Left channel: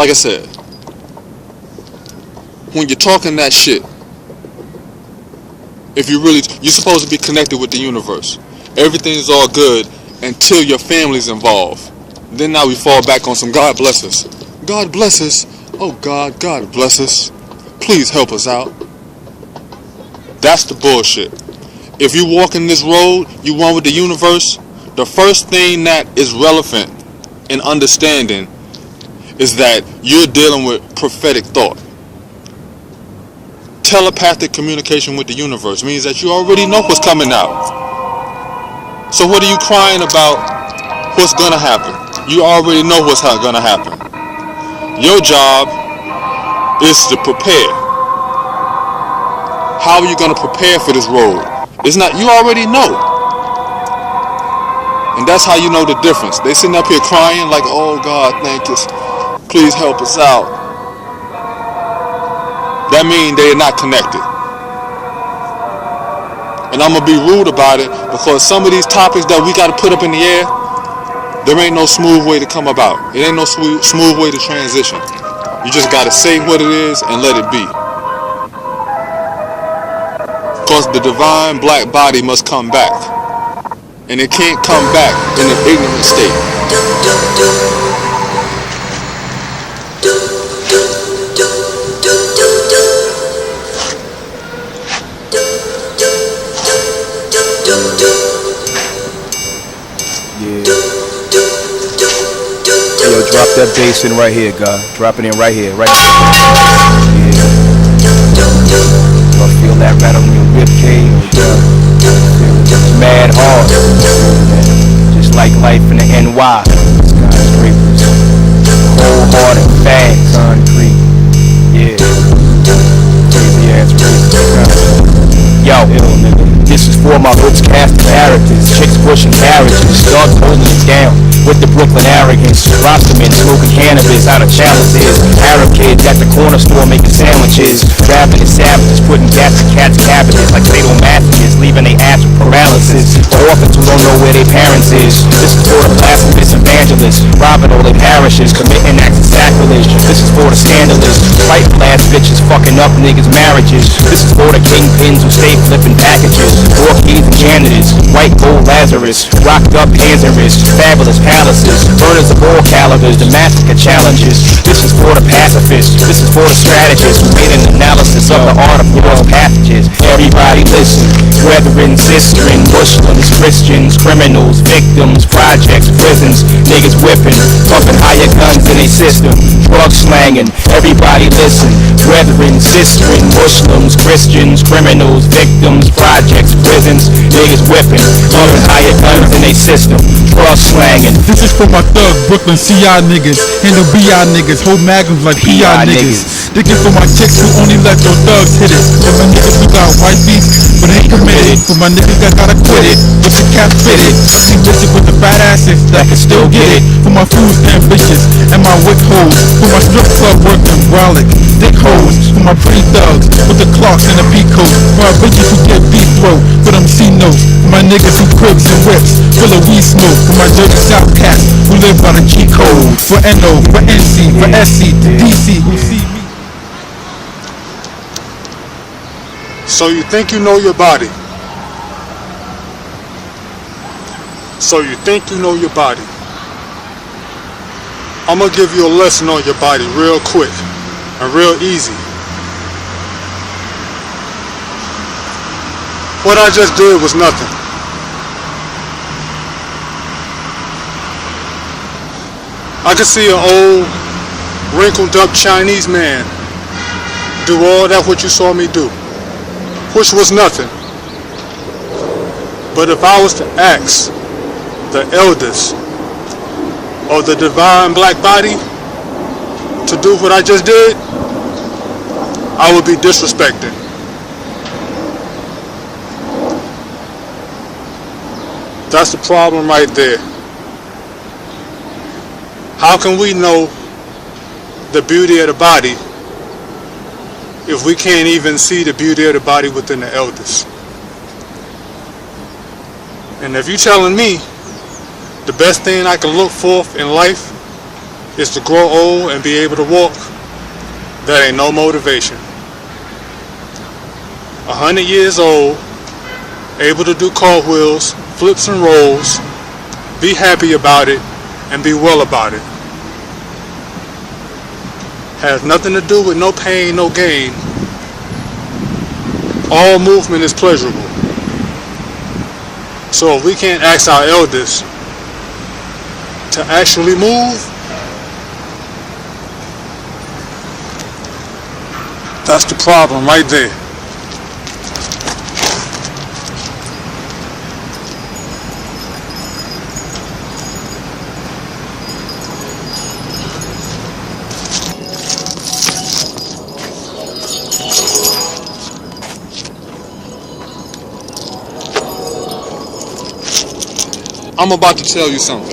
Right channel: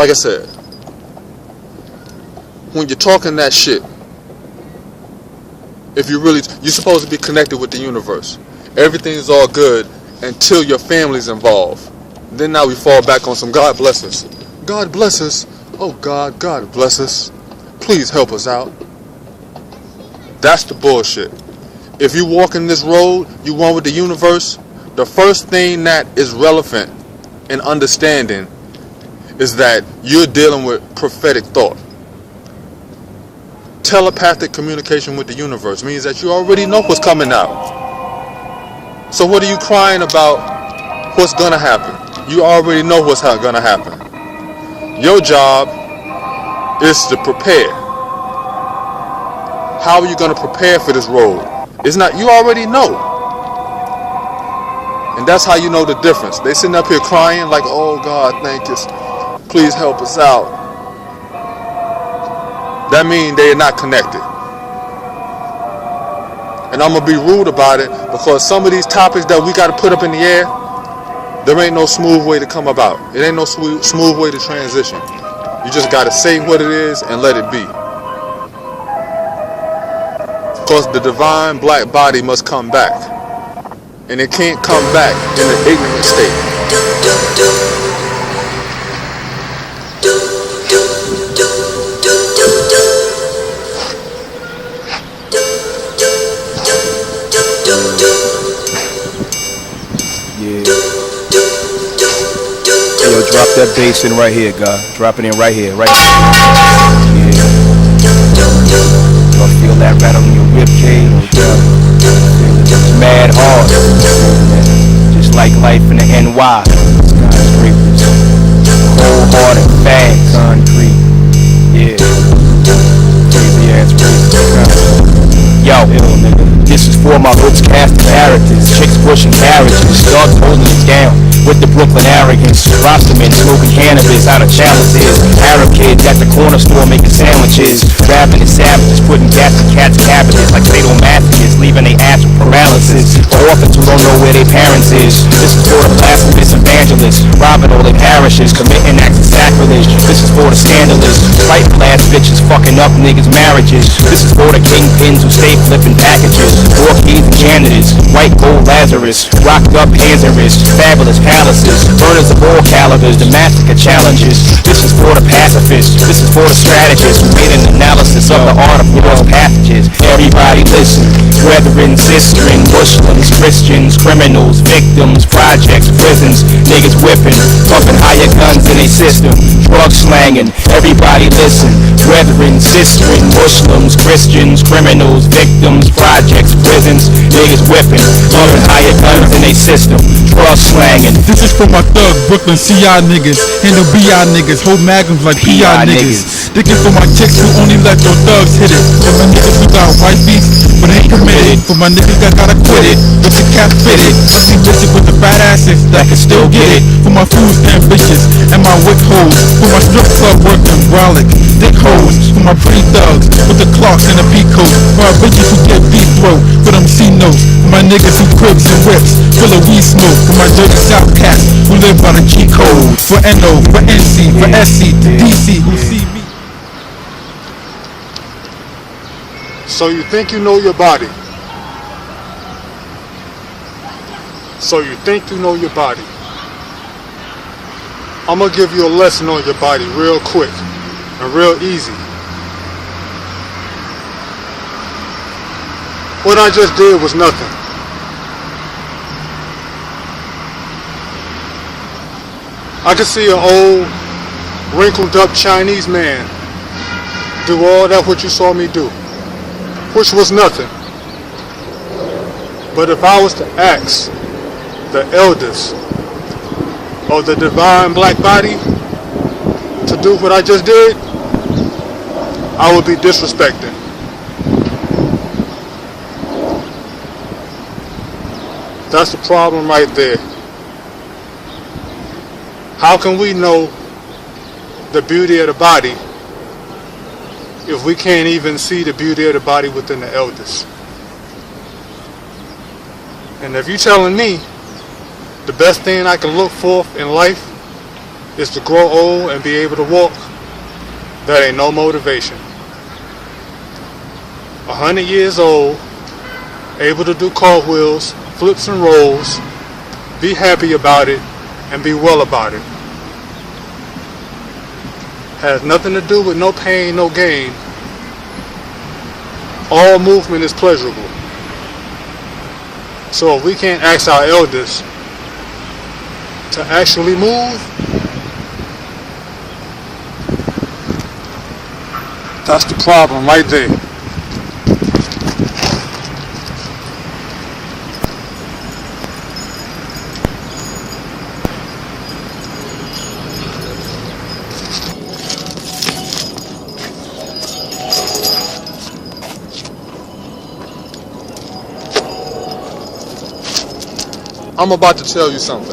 like I said, when you're talking that shit, you're supposed to be connected with the universe. Everything's all good until your family's involved. Then now we fall back on some God bless us. God bless us. Oh God, God bless us. Please help us out. That's the bullshit. If you walk in this road, you one with the universe, the first thing that is relevant in understanding is that you're dealing with prophetic thought. Telepathic communication with the universe means that you already know what's coming out. So what are you crying about what's gonna happen? You already know what's gonna happen. Your job is to prepare. How are you gonna prepare for this road? It's not, you already know. And that's how you know the difference. They sitting up here crying like, oh God, thank us. Please help us out. That means they're not connected. And I'm gonna be rude about it because some of these topics that we gotta put up in the air, there ain't no smooth way to come about. It ain't no smooth way to transition. You just gotta say what it is and let it be. Because the divine black body must come back. And it can't come back in an ignorant state. Yeah. Yo, drop that bass in right here, God. Drop it in right here, right here. Yeah. Y'all feel that rattle in your rib cage? It's mad hard. Just like life in the NY. Skyscrapers. Cold hard and fast. Concrete. Yeah. Crazy ass racist. Yo, this is for my hoods casting characters. Chicks pushing carriages. Dogs holding it down with the Brooklyn arrogance. Rostermen smoking cannabis out of chalices. Arab kids at the corner store making sandwiches. Rapping and savages putting gas to cats' cabbages like sadomasochists, leaving they ass with paralysis. For orphans who don't know where their parents is. This is for the blasphemous evangelists, robbing all their parishes, committing acts of sacrilege. This is for the scandalous, frightful ass bitches fucking up niggas' marriages. This is for the kingpins who stay flipping packages. Orchids and janitors, white gold Lazarus, rocked up hands and wrists, fabulous palaces, burners of all calibers, the massacre challenges. This is for the pacifists, this is for the strategists who made an analysis of the art of war's passages. Everybody listen, brethren, sisterin, Muslims, Christians, criminals, victims, projects, prisons, niggas whipping, pumping higher guns in a system, drug slanging. Everybody listen, brethren, sisterin, Muslims, Christians, criminals, victims, projects, prisons, niggas whipping, pumping higher guns in a system, drug slanging. This is for my thug Brooklyn CI niggas, handle BI niggas, hold magnums like PI niggas. This is for my chicks who only let your thugs hit it. For my niggas who got white beats but ain't committed. For my niggas that gotta quit it with the cap fitted. Ugly bitches with the fat asses that can still get it. For my fools ambitious and my wick hoes. For my strip club working brolic dick hoes. For my pretty thugs with the clocks and the peacoats. For my bitches who get deep throat for them C notes. For my niggas who cribs and whips full of weed smoke. For my dirty South cats who live by the G code. For NO, for NC, for SC, to DC who see me. So you think you know your body. So you think you know your body. I'm gonna give you a lesson on your body real quick and real easy. What I just did was nothing. I could see an old, wrinkled up Chinese man do all that what you saw me do, which was nothing. But if I was to ask the elders of the divine black body to do what I just did, I would be disrespected. That's the problem right there. How can we know the beauty of the body if we can't even see the beauty of the body within the elders? And if you're telling me the best thing I can look for in life is to grow old and be able to walk, that ain't no motivation. 100 years old, able to do cartwheels, flips and rolls, be happy about it, and be well about it. Has nothing to do with no pain, no gain. All movement is pleasure. So if we can't ask our elders to actually move, that's the problem right there. I'm about to tell you something.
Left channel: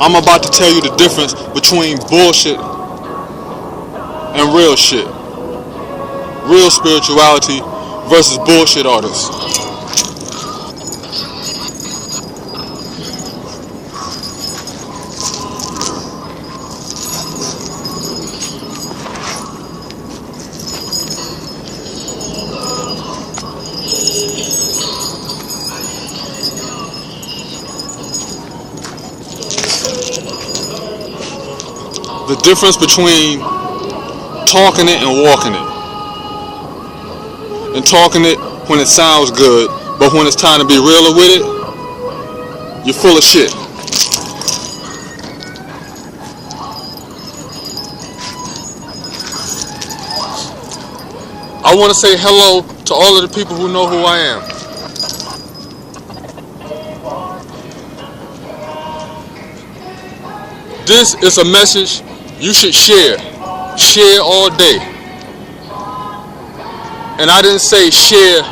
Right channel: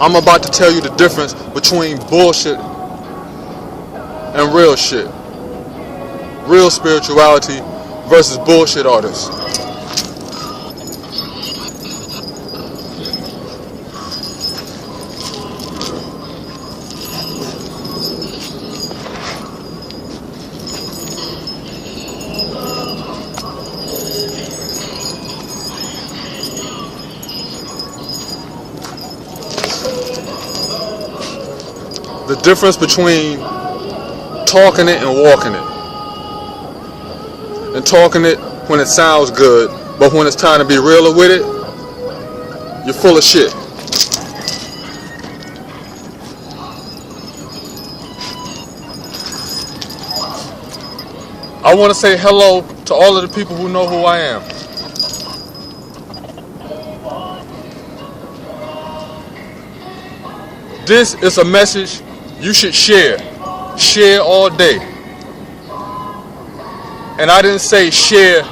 I'm about to tell you the difference between bullshit and real shit. Real spirituality versus bullshit artists. The difference between talking it and walking it. And talking it when it sounds good, but when it's time to be realer with it, you're full of shit. I want to say hello to all of the people who know who I am. This is a message you should share. Share all day. And I didn't say share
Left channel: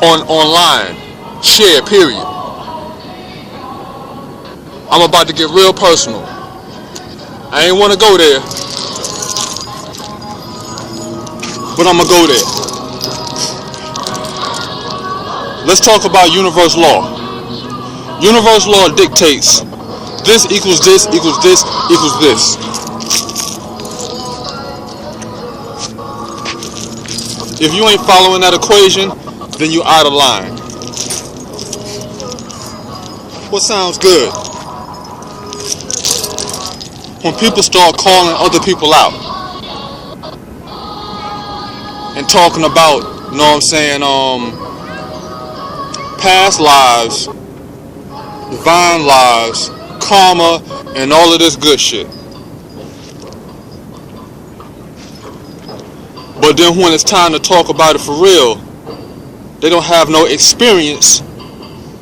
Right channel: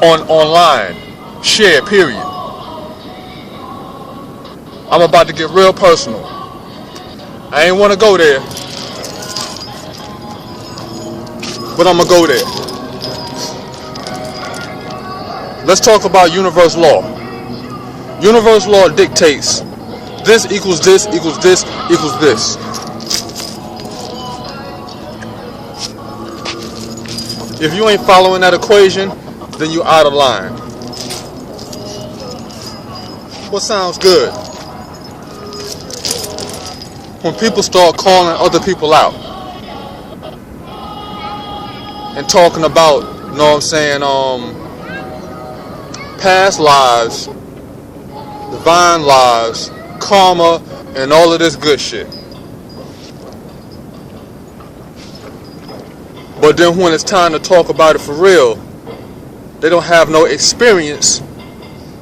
online. Share, period. I'm about to get real personal. I ain't want to go there, but I'm going to go there. Let's talk about universe law. Universe law dictates this equals this equals this equals this. If you ain't following that equation, then you out of line. What sounds good? When people start calling other people out and talking about, you know what I'm saying, past lives, divine lives, karma, and all of this good shit. But then when it's time to talk about it for real, they don't have no experience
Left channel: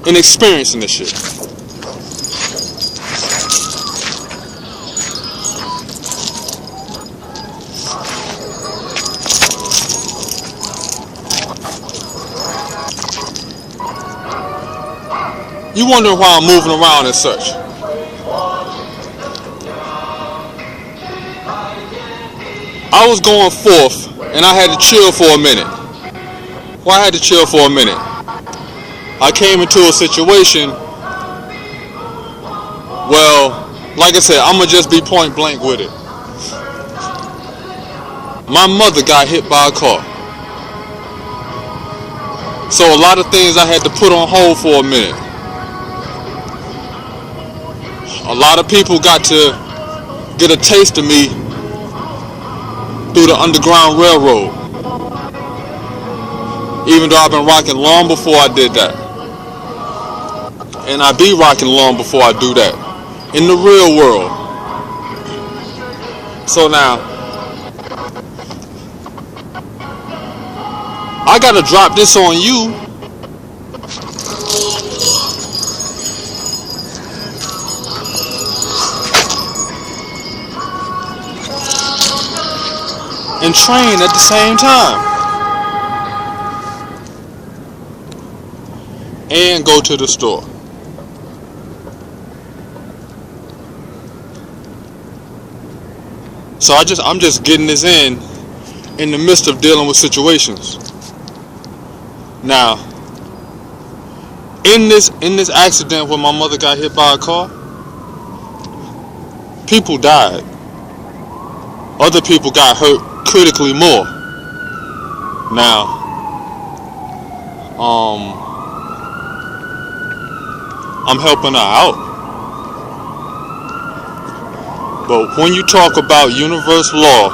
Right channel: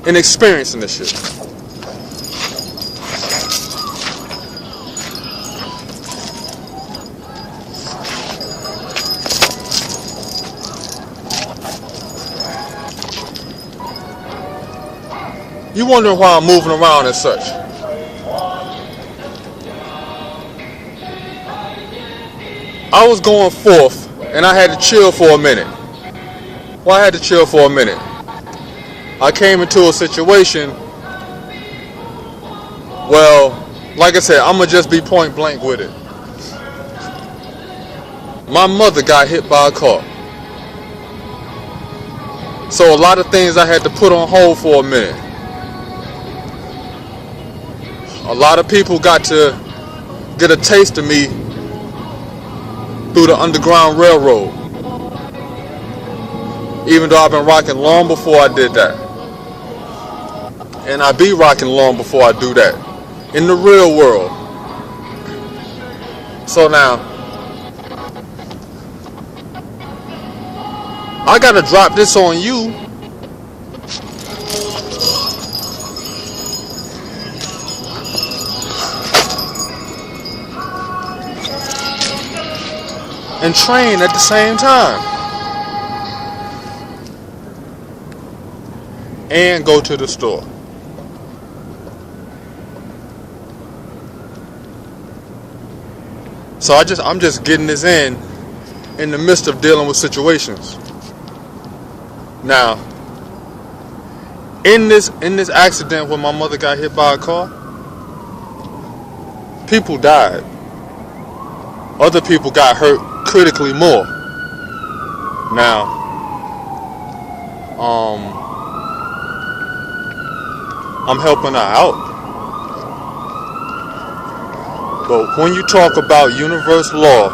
in experiencing this shit. You wonder why I'm moving around and such. I was going forth and I had to chill for a minute. Well, I had to chill for a minute. I came into a situation, well, like I said, I'm going to just be point blank with it. My mother got hit by a car. So a lot of things I had to put on hold for a minute. A lot of people got to get a taste of me through the Underground Railroad. Even though I've been rocking long before I did that. And I be rocking long before I do that. In the real world. So now, I gotta drop this on you. And train at the same time. And go to the store. So I'm just getting this in in the midst of dealing with situations. Now, in this accident where my mother got hit by a car, people died. Other people got hurt critically more. Now, I'm helping her out. But when you talk about universal law,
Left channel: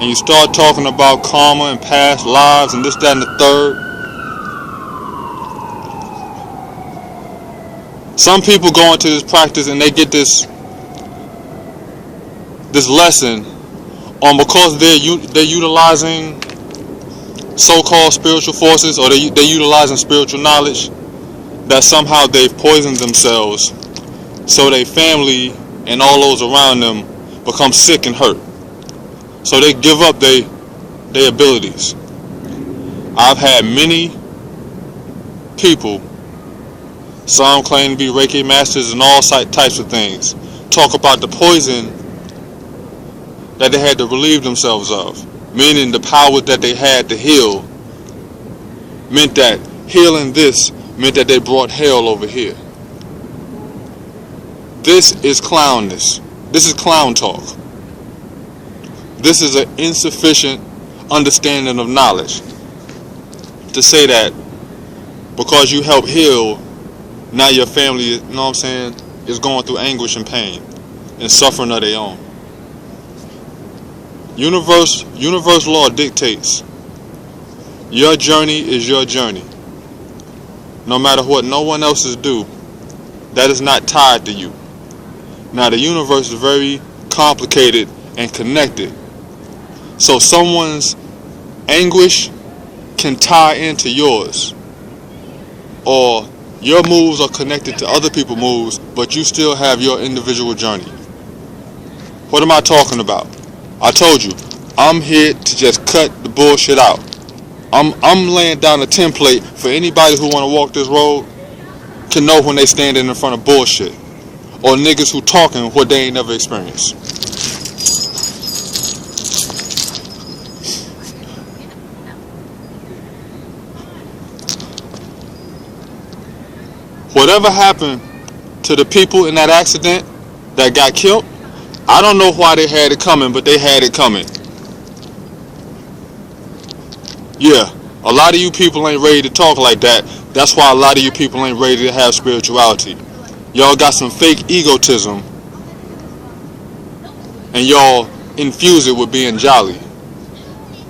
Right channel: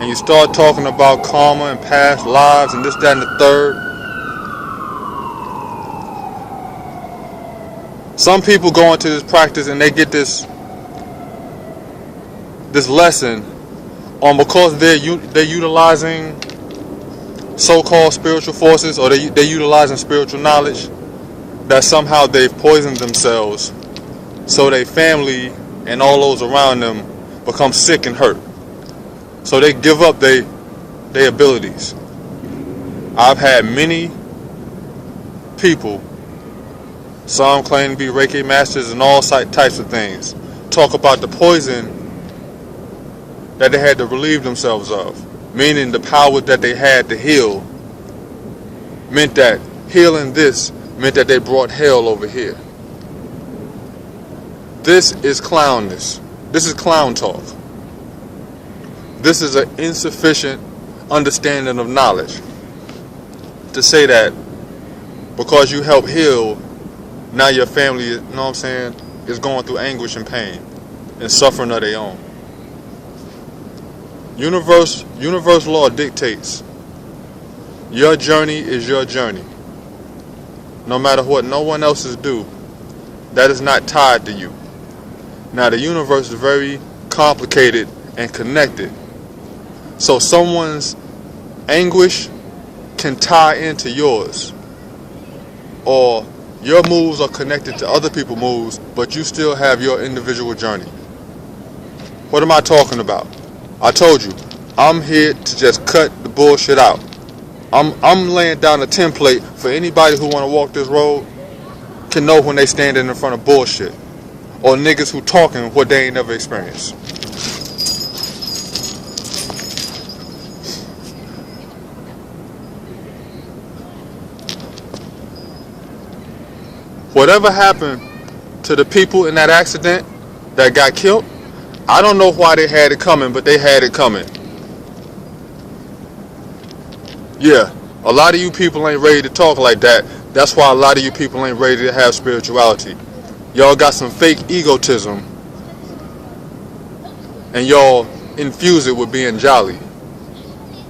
and you start talking about karma and past lives and this, that, and the third, some people go into this practice and they get this lesson on because they're utilizing so-called spiritual forces, or they're utilizing spiritual knowledge, that somehow they've poisoned themselves so their family and all those around them become sick and hurt. So they give up their abilities. I've had many people, some claim to be Reiki masters and all types of things, talk about the poison that they had to relieve themselves of, meaning the power that they had to heal meant that healing this meant that they brought hell over here. This is clownness. This is clown talk. This is an insufficient understanding of knowledge. To say that because you help heal, now your family, you know what I'm saying, is going through anguish and pain and suffering of their own. Universal law dictates your journey is your journey. No matter what no one else's do, that is not tied to you. Now the universe is very complicated and connected. So someone's anguish can tie into yours. Or your moves are connected to other people's moves, but you still have your individual journey. What am I talking about? I told you, I'm here to just cut the bullshit out. I'm laying down a template for anybody who want to walk this road can know when they standing in front of bullshit. Or niggas who talking what they ain't never experienced. Whatever happened to the people in that accident that got killed, I don't know why they had it coming, but they had it coming. Yeah, a lot of you people ain't ready to talk like that. That's why a lot of you people ain't ready to have spirituality. Y'all got some fake egotism, and y'all infuse it with being jolly.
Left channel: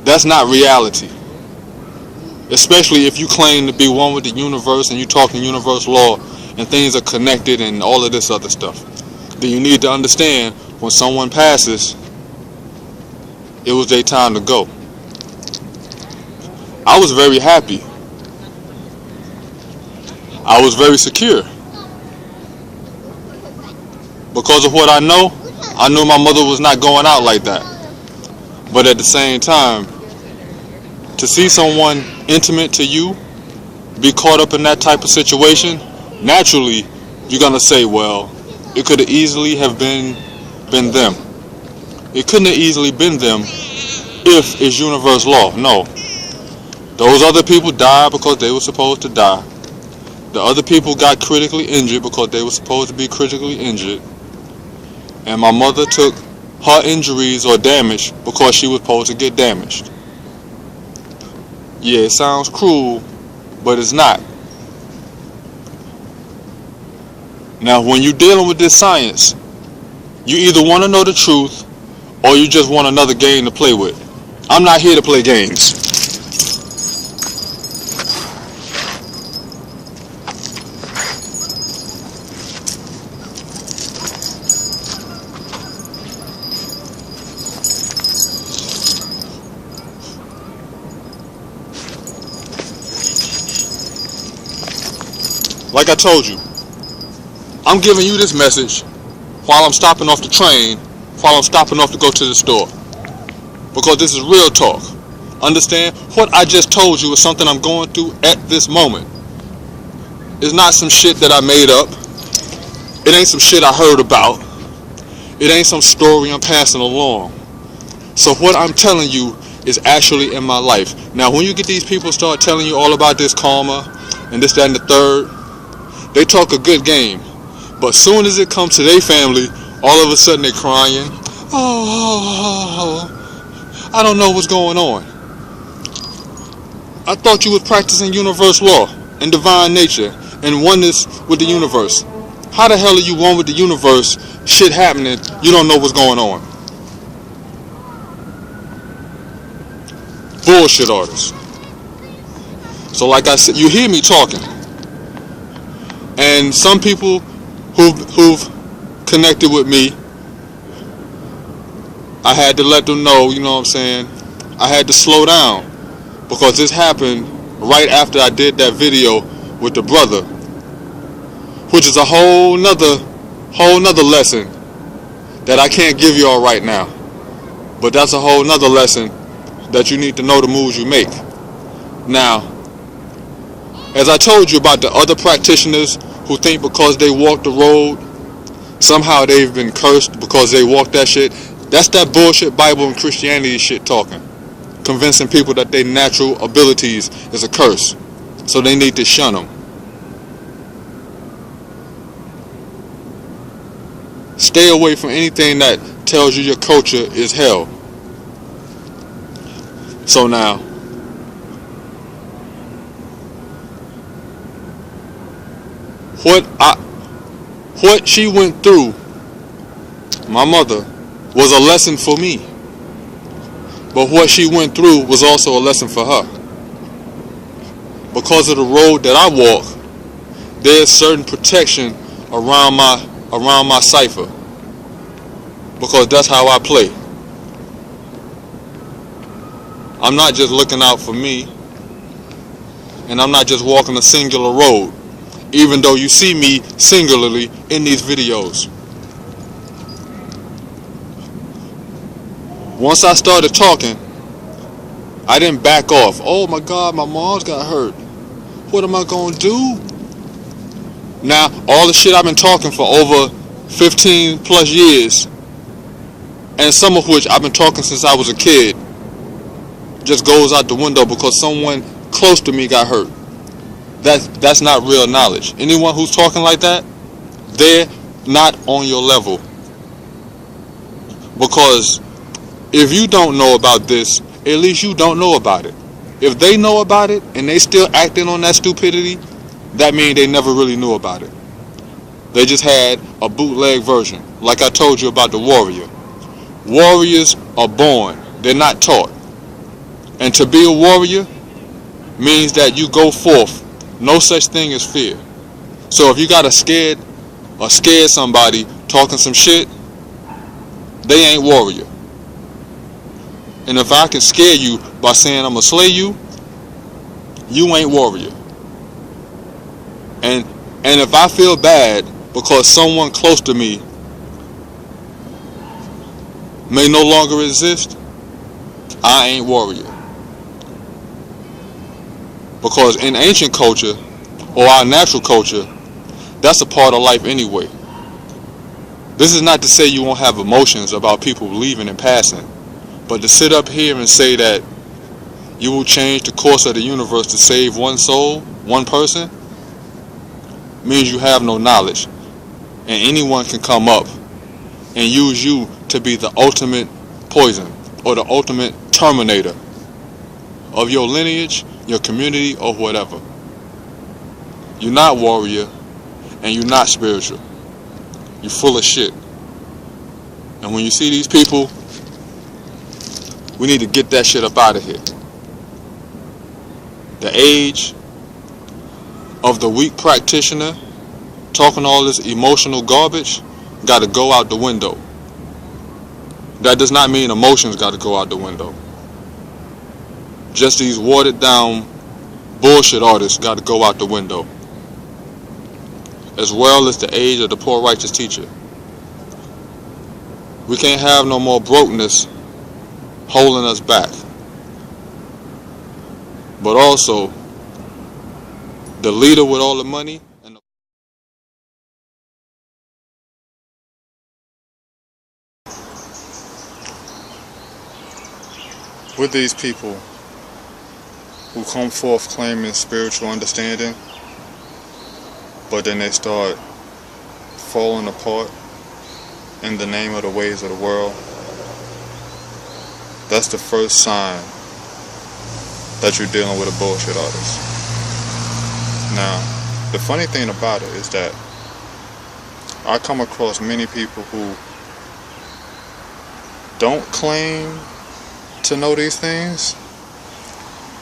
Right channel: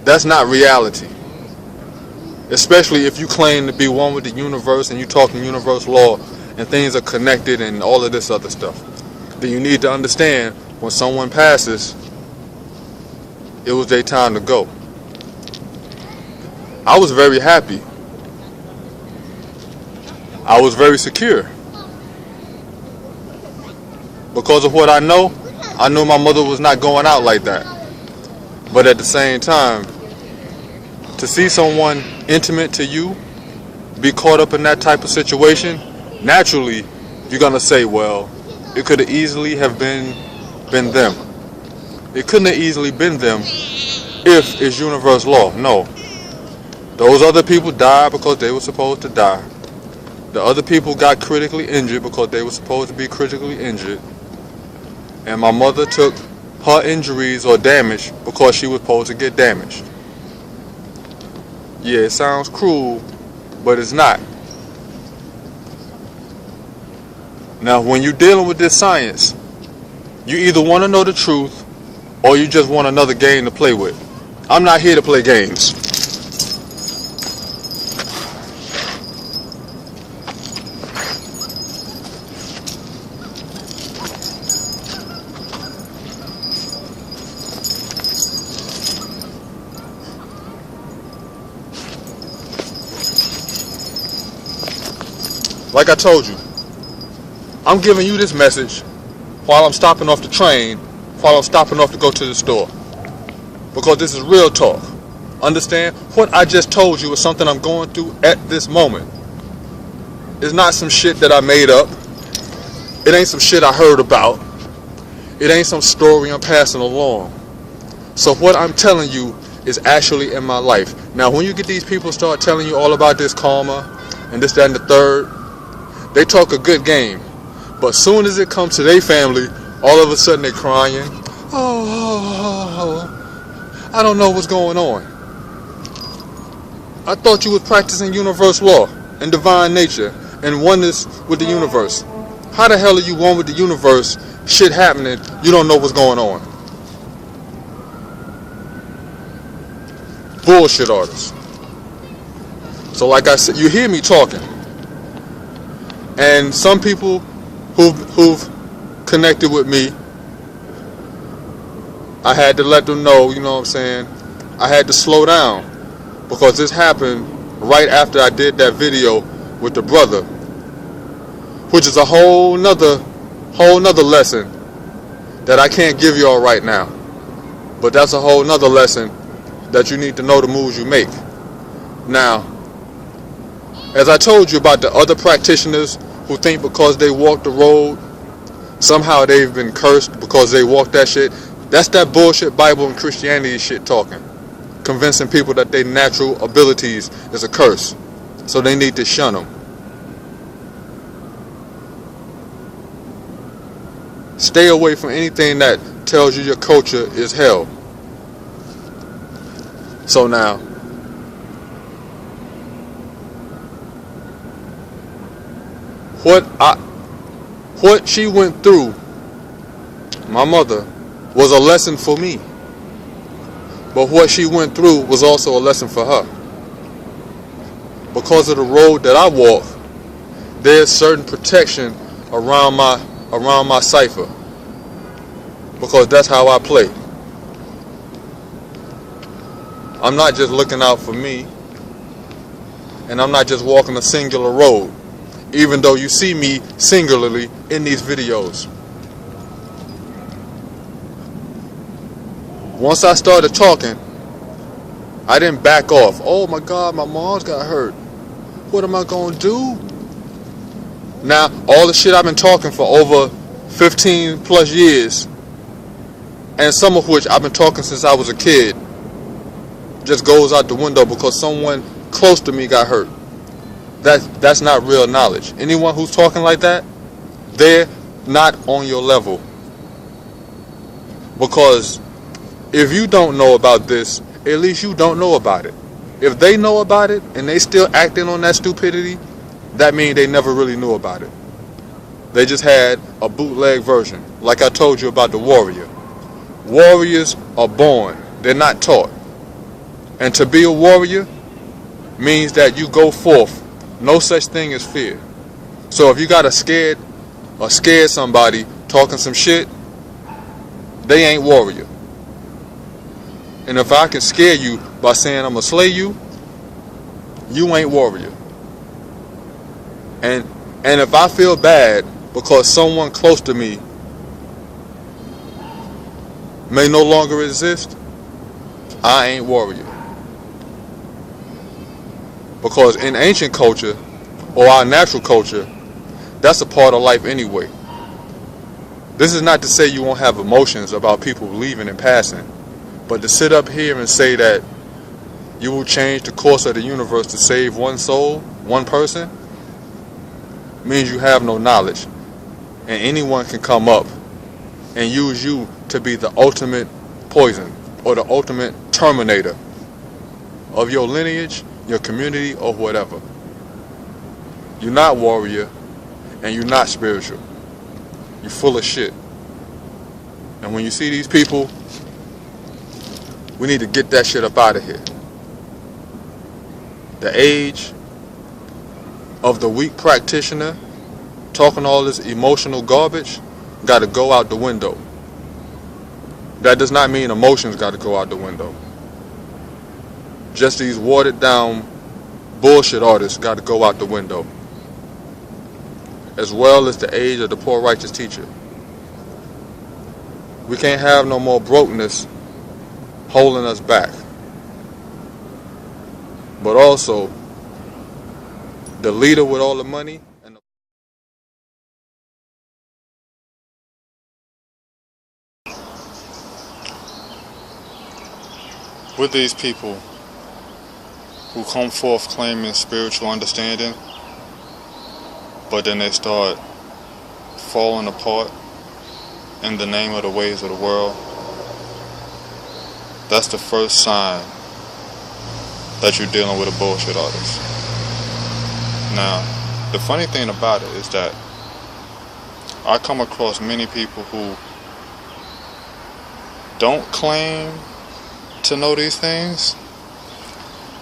That's not reality. Especially if you claim to be one with the universe and you talking universal law and things are connected and all of this other stuff. Then you need to understand when someone passes, it was their time to go. I was very happy. I was very secure. Because of what I knew my mother was not going out like that. But at the same time, to see someone intimate to you be caught up in that type of situation, naturally, you're going to say, well, it could have easily have been them. It couldn't have easily been them if it's universal law. No. Those other people died because they were supposed to die. The other people got critically injured because they were supposed to be critically injured. And my mother took her injuries or damage because she was supposed to get damaged. Yeah, it sounds cruel, but it's not. Now, when you're dealing with this science, you either want to know the truth or you just want another game to play with. I'm not here to play games. Like I told you, I'm giving you this message while I'm stopping off the train, while I'm stopping off to go to the store. Because this is real talk. Understand? What I just told you is something I'm going through at this moment. It's not some shit that I made up. It ain't some shit I heard about. It ain't some story I'm passing along. So what I'm telling you is actually in my life. Now, when you get these people start telling you all about this karma and this, that, and the third, they talk a good game. But soon as it comes to their family, all of a sudden they're crying. Oh, I don't know what's going on. I thought you was practicing universe law and divine nature and oneness with the universe. How the hell are you one with the universe? Shit happening, you don't know what's going on. Bullshit artists. So like I said, you hear me talking. And some people who've connected with me, I had to let them know, you know what I'm saying, I had to slow down, because this happened right after I did that video with the brother, which is a whole nother lesson that I can't give you all right now. But that's a whole nother lesson that you need to know the moves you make. Now, as I told you about the other practitioners who think because they walk the road, somehow they've been cursed because they walk that shit, that's that bullshit Bible and Christianity shit talking. Convincing people that their natural abilities is a curse, so they need to shun them. Stay away from anything that tells you your culture is hell. So now, what she went through, my mother, was a lesson for me. But what she went through was also a lesson for her. Because of the road that I walk, there's certain protection around my cipher. Because that's how I play. I'm not just looking out for me, and I'm not just walking a singular road, even though you see me singularly in these videos. Once I started talking, I didn't back off. Oh my God, my mom's got hurt. What am I gonna do? Now, all the shit I've been talking for over 15 plus years, and some of which I've been talking since I was a kid, just goes out the window because someone close to me got hurt. That's not real knowledge. Anyone who's talking like that, they're not on your level. Because if you don't know about this, at least you don't know about it. If they know about it and they still acting on that stupidity, that means they never really knew about it. They just had a bootleg version, like I told you about the warrior. Warriors are born, they're not taught. And to be a warrior means that you go forth. No such thing as fear. So if you gotta scared somebody talking some shit, they ain't warrior. And if I can scare you by saying I'm gonna slay you, you ain't warrior. And if I feel bad because someone close to me may no longer exist, I ain't warrior. Because in ancient culture, or our natural culture, that's a part of life anyway. This is not to say you won't have emotions about people leaving and passing, but to sit up here and say that you will change the course of the universe to save one soul, one person, means you have no knowledge. And anyone can come up and use you to be the ultimate poison or the ultimate terminator of your lineage, your community, or whatever. You're not warrior, and you're not spiritual. You're full of shit. And when you see these people, we need to get that shit up out of here. The age of the weak practitioner talking all this emotional garbage got to go out the window. That does not mean emotions got to go out the window. Just these watered down bullshit artists got to go out the window. As well as the age of the poor righteous teacher. We can't have no more brokenness holding us back. But also, the leader with all the money and with these people who come forth claiming spiritual understanding, but then they start falling apart in the name of the ways of the world, that's the first sign that you're dealing with a bullshit artist. Now, the funny thing about it is that I come across many people who don't claim to know these things,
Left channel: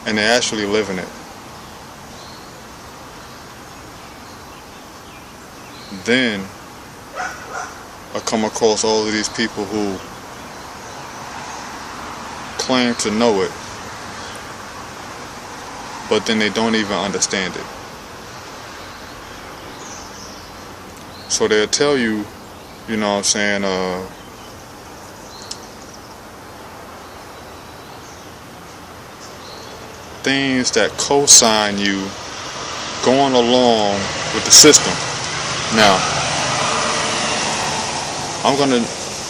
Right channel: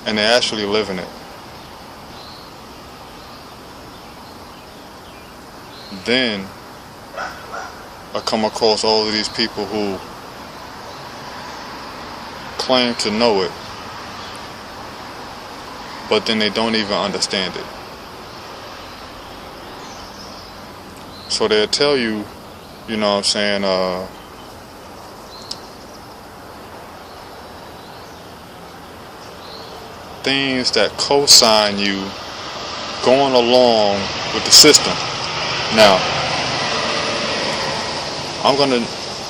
and they're actually living it. Then I come across all of these people who claim to know it, but then they don't even understand it. So they'll tell you, you know what I'm saying, things that co-sign you going along with the system. Now, I'm going to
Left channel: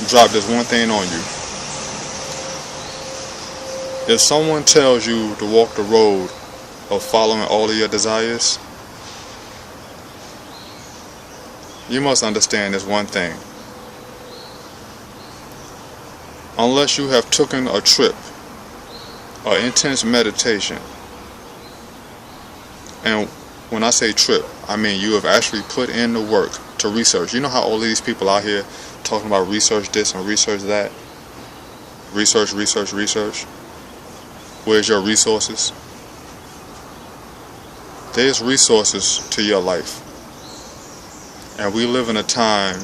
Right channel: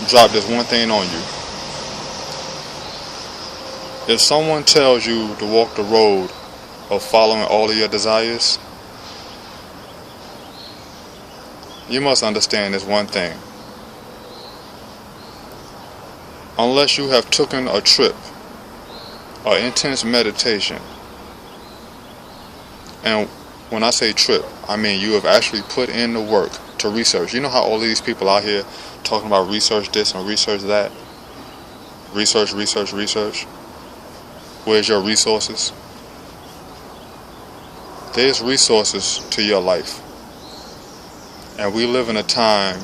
drop this one thing on you. If someone tells you to walk the road of following all of your desires, you must understand this one thing. Unless you have taken a trip, or intense meditation, and when I say trip, I mean you have actually put in the work to research. You know how all these people out here talking about research this and research that? Research, research, research. Where's your resources? There's resources to your life. And we live in a time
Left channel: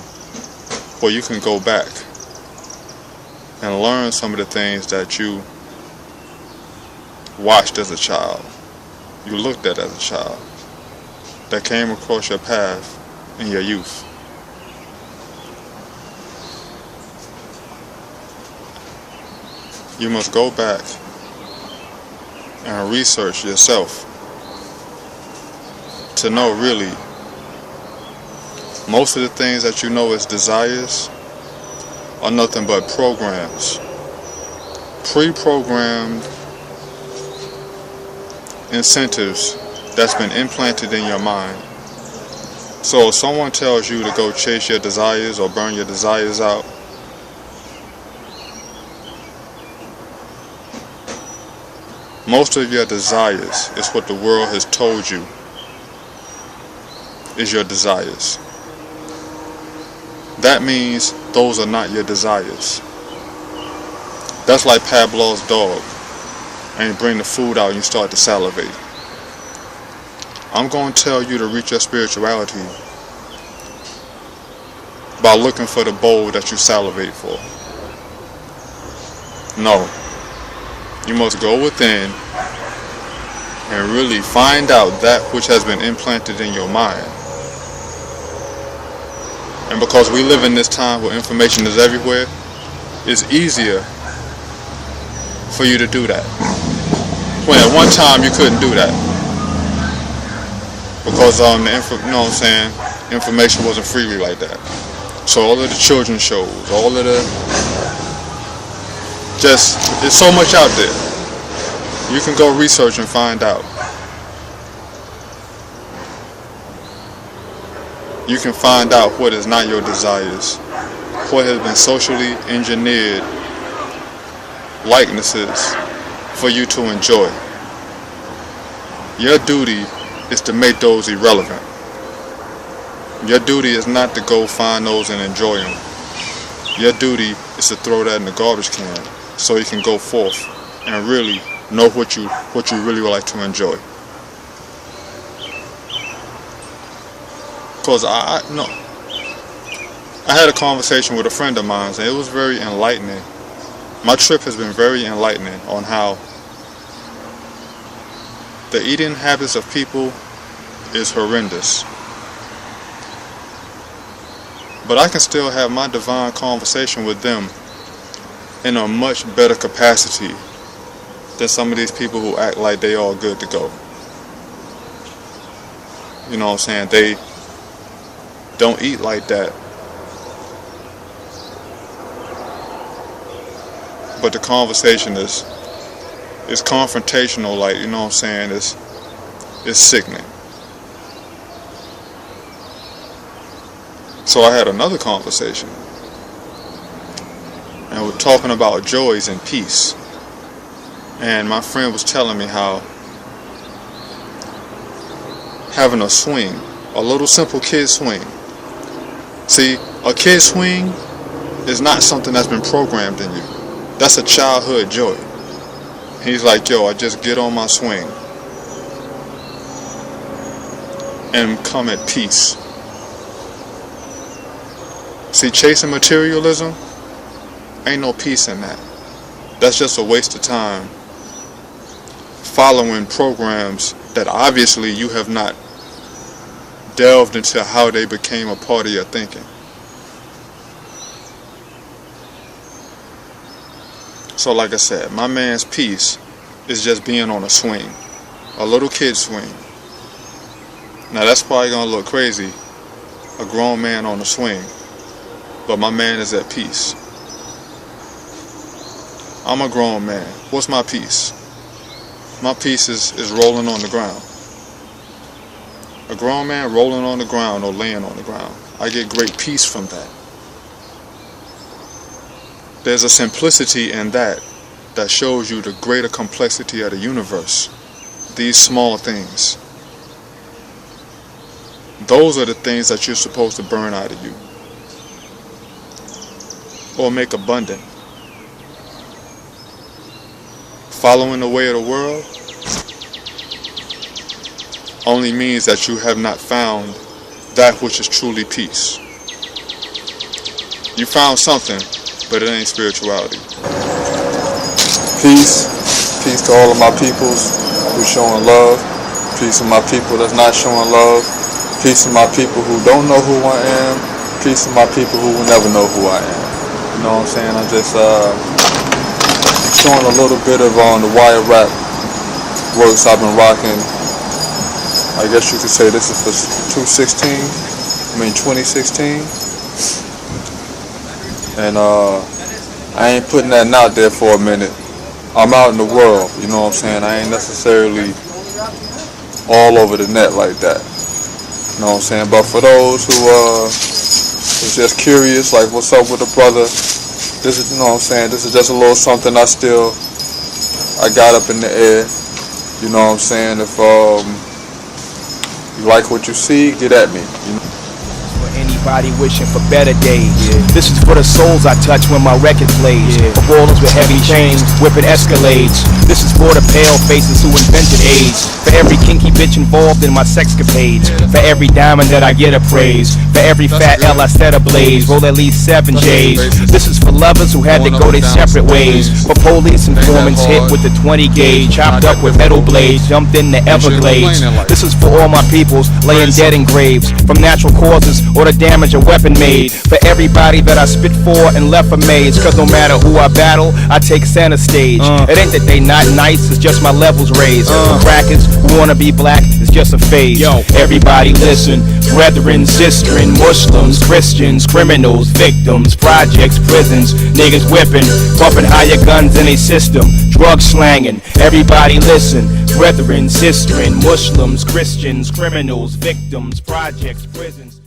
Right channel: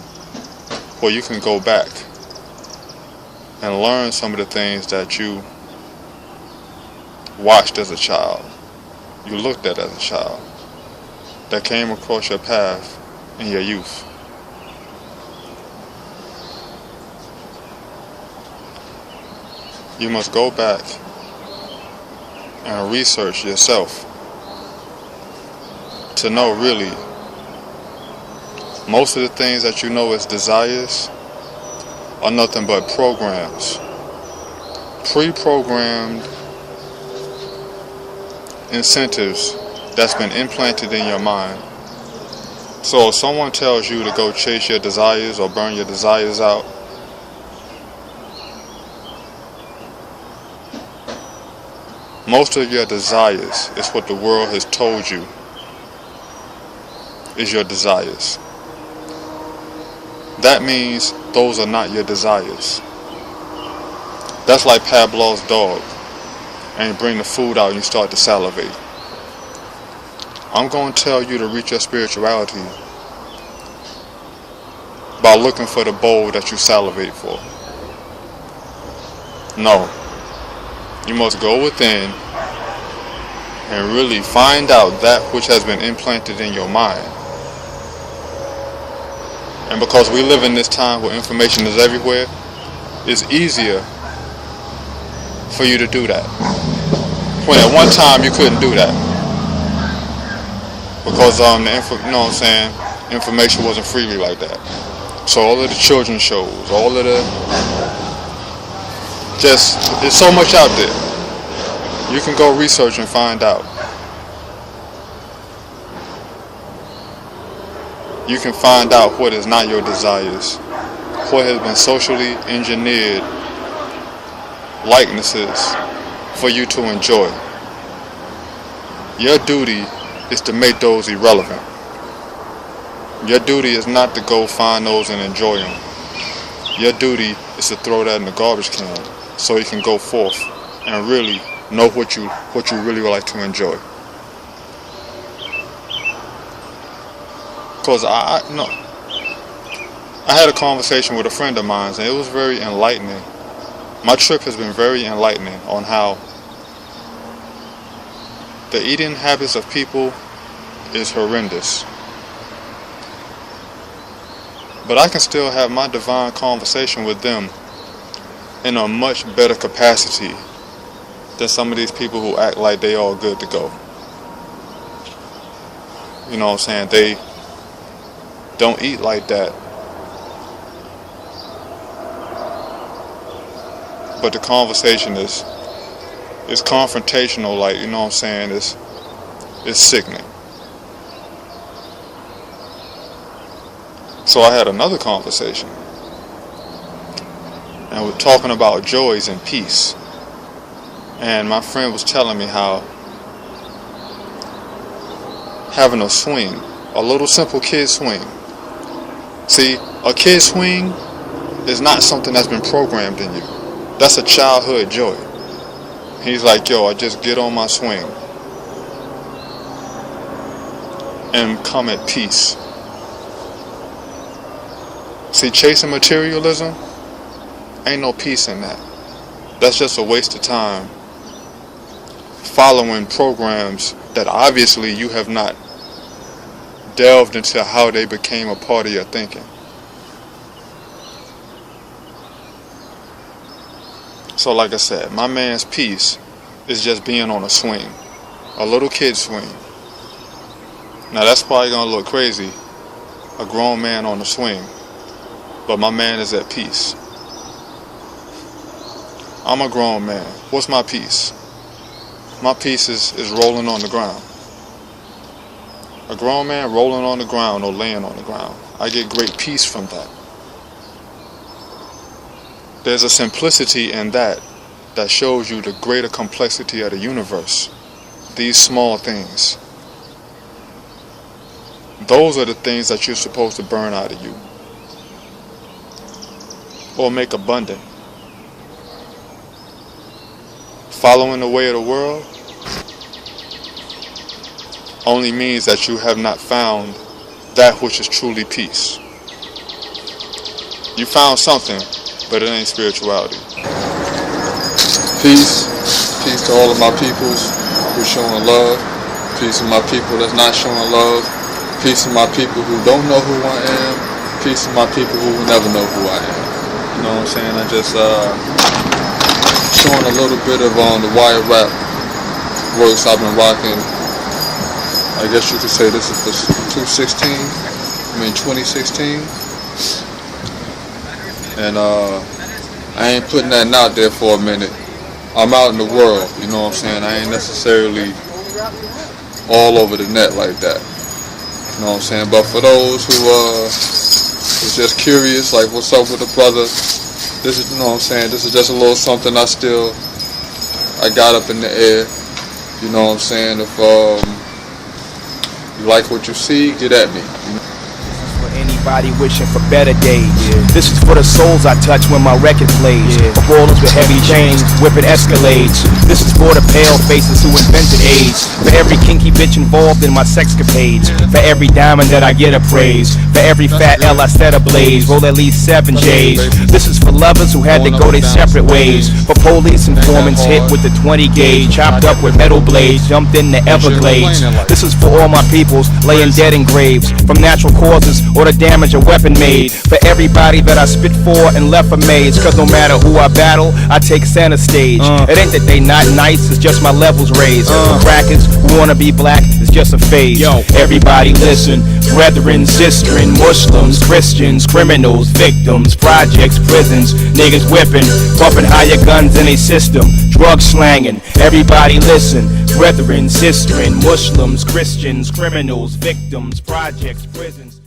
where you can go back and learn some of the things that you watched as a child, you looked at as a child, that came across your path in your youth. You must go back and research yourself to know really most of the things that you know as desires are nothing but programs, pre-programmed incentives that's been implanted in your mind. So if someone tells you to go chase your desires or burn your desires out, most of your desires is what the world has told you is your desires. That means those are not your desires. That's like Pavlov's dog, and you bring the food out and you start to salivate. I'm going to tell you to reach your spirituality by looking for the bowl that you salivate for. No. You must go within and really find out that which has been implanted in your mind. And because we live in this time where information is everywhere, it's easier for you to do that. When at one time you couldn't do that. Because you know what I'm saying, information wasn't freely like that. So all of the children's shows, all of the there's so much out there. You can go research and find out. You can find out what is not your desires, what has been socially engineered likenesses for you to enjoy. Your duty is to make those irrelevant. Your duty is not to go find those and enjoy them. Your duty is to throw that in the garbage can so you can go forth and really know what you really would like to enjoy. Because I had a conversation with a friend of mine and it was very enlightening. My trip has been very enlightening on how the eating habits of people is horrendous. But I can still have my divine conversation with them in a much better capacity than some of these people who act like they all good to go. You know what I'm saying? They don't eat like that. But the conversation is It's confrontational, like, you know what I'm saying? It's sickening. So I had another conversation, and we're talking about joys and peace. And my friend was telling me how having a swing, a little simple kid swing. See, a kid swing is not something that's been programmed in you. That's a childhood joy. He's like, yo, I just get on my swing and come at peace. See, chasing materialism, ain't no peace in that. That's just a waste of time following programs that obviously you have not delved into how they became a part of your thinking. So like I said, my man's peace is just being on a swing, a little kid swing. Now that's probably gonna look crazy, a grown man on a swing, but my man is at peace. I'm a grown man. What's my peace? My peace is rolling on the ground. A grown man rolling on the ground or laying on the ground. I get great peace from that. There's a simplicity in that shows you the greater complexity of the universe. These small things. Those are the things that you're supposed to burn out of you. Or make abundant. Following the way of the world only means that you have not found that which is truly peace. You found something, but it ain't spirituality. Peace. Peace to all of my peoples who's showing love. Peace to my people that's not showing love. Peace to my people who don't know who I am. Peace to my people who will never know who I am. You know what I'm saying? I just showing a little bit of the wire rap works I've been rocking. I guess you could say this is for 2016. And I ain't putting that out there for a minute. I'm out in the world, you know what I'm saying? I ain't necessarily all over the net like that. You know what I'm saying? But for those who is just curious, like what's up with the brother, this is, you know what I'm saying, this is just a little something I got up in the air. You know what I'm saying? If you like what you see, get at me. For anybody wishing for better days. This is for the souls I touch when my record plays. For ballers with heavy chains, whipping Escalades. This is for the pale faces who invented AIDS. For every kinky bitch involved in my sexcapades. For every diamond that I get appraised. For every fat L I set ablaze. Roll at least 7 J's. This is for lovers who had to go their separate ways. For police informants hit with the 20 gauge. Chopped up with metal blades, jumped in the Everglades. This is for all my peoples laying dead in graves. From natural causes or the damage a weapon made. For everybody that I spit for and left amazed. Cause no matter who I battle, I take center stage. It ain't that they not nice, it's just my levels raised. For crackers who wanna be black, it's just a phase. Yo, everybody listen, brethren, sistren, Muslims, Christians, criminals, victims, projects, prisons, niggas whipping, bumping higher guns in a system, drug slanging. Everybody listen, brethren, sistren, Muslims, Christians, criminals, victims, projects, prisons.